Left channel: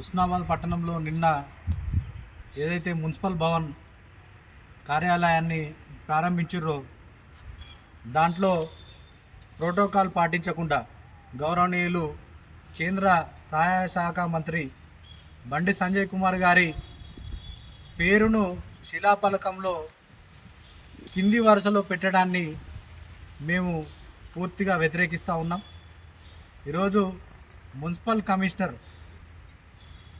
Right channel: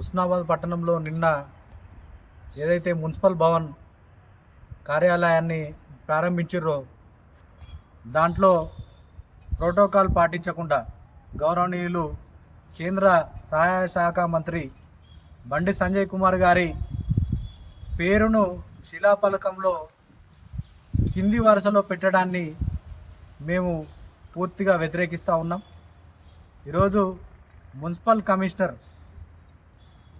ఉస్నాబాద్ పట్టణంలో నిన్న ఏదైతే మున్సిపల్ భవన్ కార్యాలయాన్ని ప్రారంభించారో దాంట్లో ప్రోటోకాల్ పాటించకుండా గౌరవనీయులు కేంద్ర సహాయ శాఖ మంత్రి బండి సంజయ్ కుమార్ గారి పేరును శిలాఫలకంలో కింది వరుసలో పెట్టడాన్ని మేము పూర్తిగా వ్యతిరేకిస్తూ ఉన్నాం. ఈరోజు మున్సిపల్ కమిషనర్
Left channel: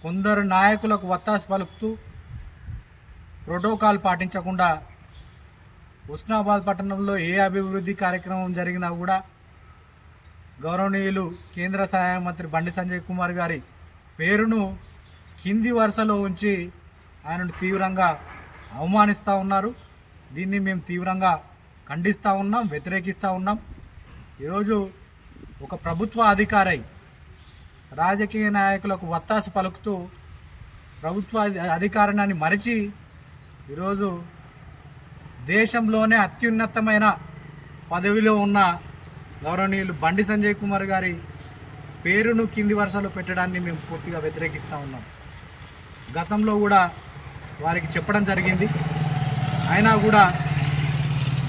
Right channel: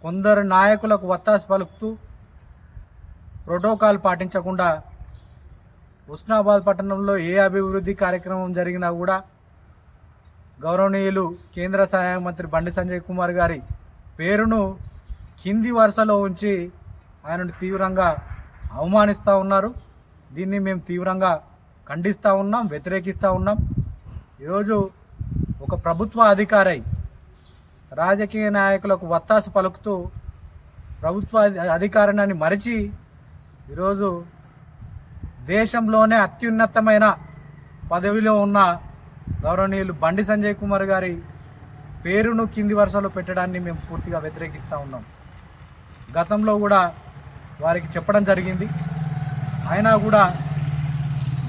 కొందరు నాయకులకు వత్తాసు పలుకుతూ ప్రోటోకాల్ పాటించకుండా ఉస్నాబాద్ పట్టణంలో ఏ అభివృద్ధి కార్యక్రమం జరిగినా కూడా గౌరవనీయులు కేంద్ర సహాయ మంత్రి బండి సంజయ్ కుమార్ గారి పేరును కింది వరుసలో ఉంచి ఆయనను తీవ్రంగా అవమానిస్తూ ఉన్నారు. దీన్ని మేము తీవ్రంగా ఖండిస్తూ ఉన్నాం వ్యతిరేకిస్తూ ఉన్నాం. ఈరోజు ఒక ప్రభుత్వ అధికారై రాజకీయ నాయకులకు వత్తాసు పలుకుతూ ప్రభుత్వ అధికారాన్ని మరిచి ఈరోజు దేశంలోనే అత్యున్నతమైన పదవిలో ఉన్న గౌరవనీయులు బండి సంజయ్ కుమార్ గారి పేరును కింది వరుసలో పెట్టడాన్ని మేము పూర్తిగా వ్యతిరేకిస్తూ ఉన్నాం. గతంలో కూడా వారికి చెప్పడం జరిగింది. అయినా కూడా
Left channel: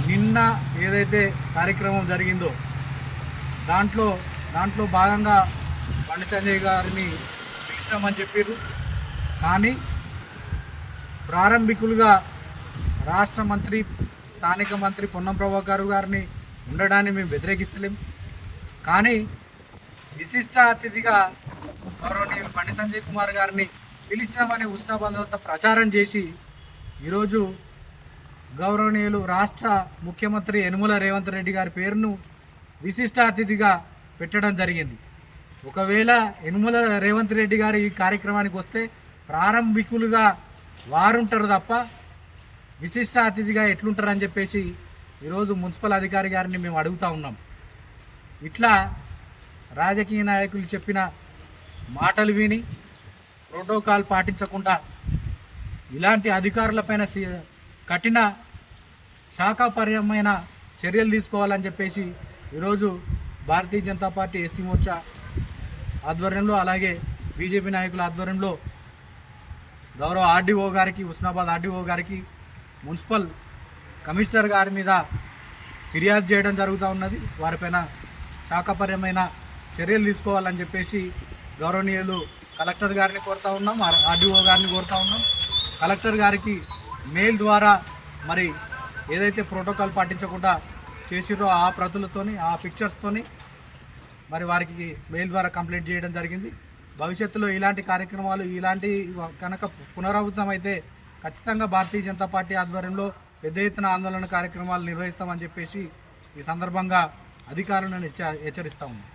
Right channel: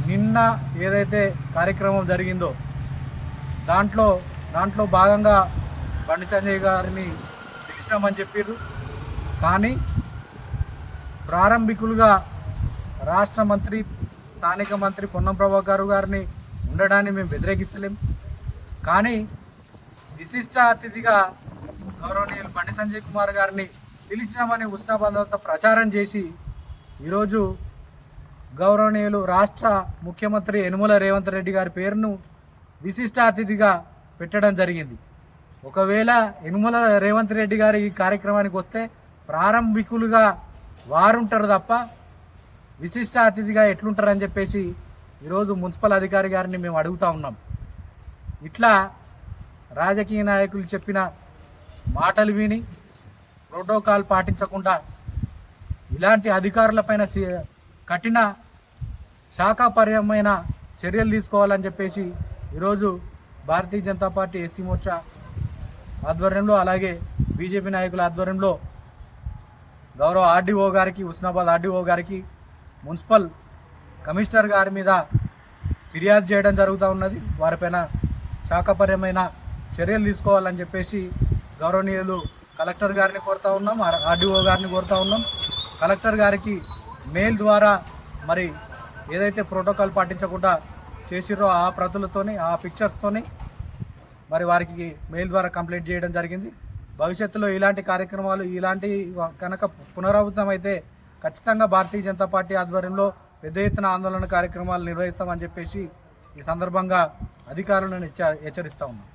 నిన్న ఏదైతే కార్యక్రమం జరిగిందో దాంట్లో దాంట్లో భాగంగా బండి సంజయ్ గారిని పిలిచినామని చెప్పారు కానీ ప్రారంభికులుగా రాష్ట్ర మంత్రి స్థానిక మంత్రి పొన్నం ప్రభాకర్ గారిని ఉండడాన్ని మేము వ్యతిరేకిస్తలేం. కానీ విశిష్ట అతిథిగా గౌరవనీయులు బండి సంజయ్ కుమార్ గారిని పిలిచినామని ఉష్ణబంధంతో ప్రచారం చేసి ఈరోజు గౌరవనీయులు రాష్ట్ర ముఖ్యమంత్రి యనుమల రేవంత్ రెడ్డి గారి పేరును విశిష్ట అతిథిగా పెట్టడం జరిగింది. ఒకవేళ యనుమల రేవంత్ రెడ్డి గారు ఈ కార్యక్రమానికి వస్తే ప్రారంభికులుగా వారుంటారు తప్ప విశిష్ట అతిథిగా ఎట్లుంటారని చెప్పేసి ఈరోజు మున్సిపల్ అధికారి గారిని మేము అడుగుతా ఉన్నాం. ఇట్లా రాజకీయ నాయకులు చెప్పిన మాటలు విని ప్రోటోకాల్ పాటించకుండా ఇలాంటి అధికారులపైన కఠిన శాఖాపర్యమైన చర్యలు తీసుకోవాలని చెప్పేసి ఈరోజు భారతీయ జనతా పార్టీ ఎస్సీ మోర్చా ఆధ్వర్యంలో అలాగే బీజేపీ నాయకుల ఆధ్వర్యంలో గౌరవ ఆర్డీఓ గారికి ఉస్నాబాద్ ఆర్డీఓ గారికి మున్సిపల్ కమిషనర్ గారి మీద ఫిర్యాదు చేయడం జరుగుతూ ఉన్నది. వారిపైన శాఖపర్యమైన చర్యలు తీసుకోవాలని చెప్పేసి గౌరవనీయులు కలెక్టర్ గారిని కోరుతా ఉన్నాం ఆర్డీఓ గారిని కోరుతా ఉన్నాం. కలెక్టర్ గారికి మెయిల్ ద్వారా మరి ఏదైతే ప్రోటోకాల్ పాటించకుండా చేసిరో ఆ ప్రతులతోని ఆ పిక్చర్స్తోని మరి వారికి మెయిల్ ద్వారా కంప్లైంట్ చేయడం జరిగింది. భవిష్యత్తులో ఇలాంటి కార్యక్రమాలు ఇలాంటి కనుక పునరావృతం అయితే ఖచ్చితంగా భారతీయ జనతా పార్టీ ఆధ్వర్యంలో పెద్ద ఎత్తున ఆందోళన కార్యక్రమాలు నిర్వహిస్తామని చెప్పేసి ఈ సందర్భంగా అధికారులను హెచ్చ హెచ్చరిస్తా ఉన్నాం.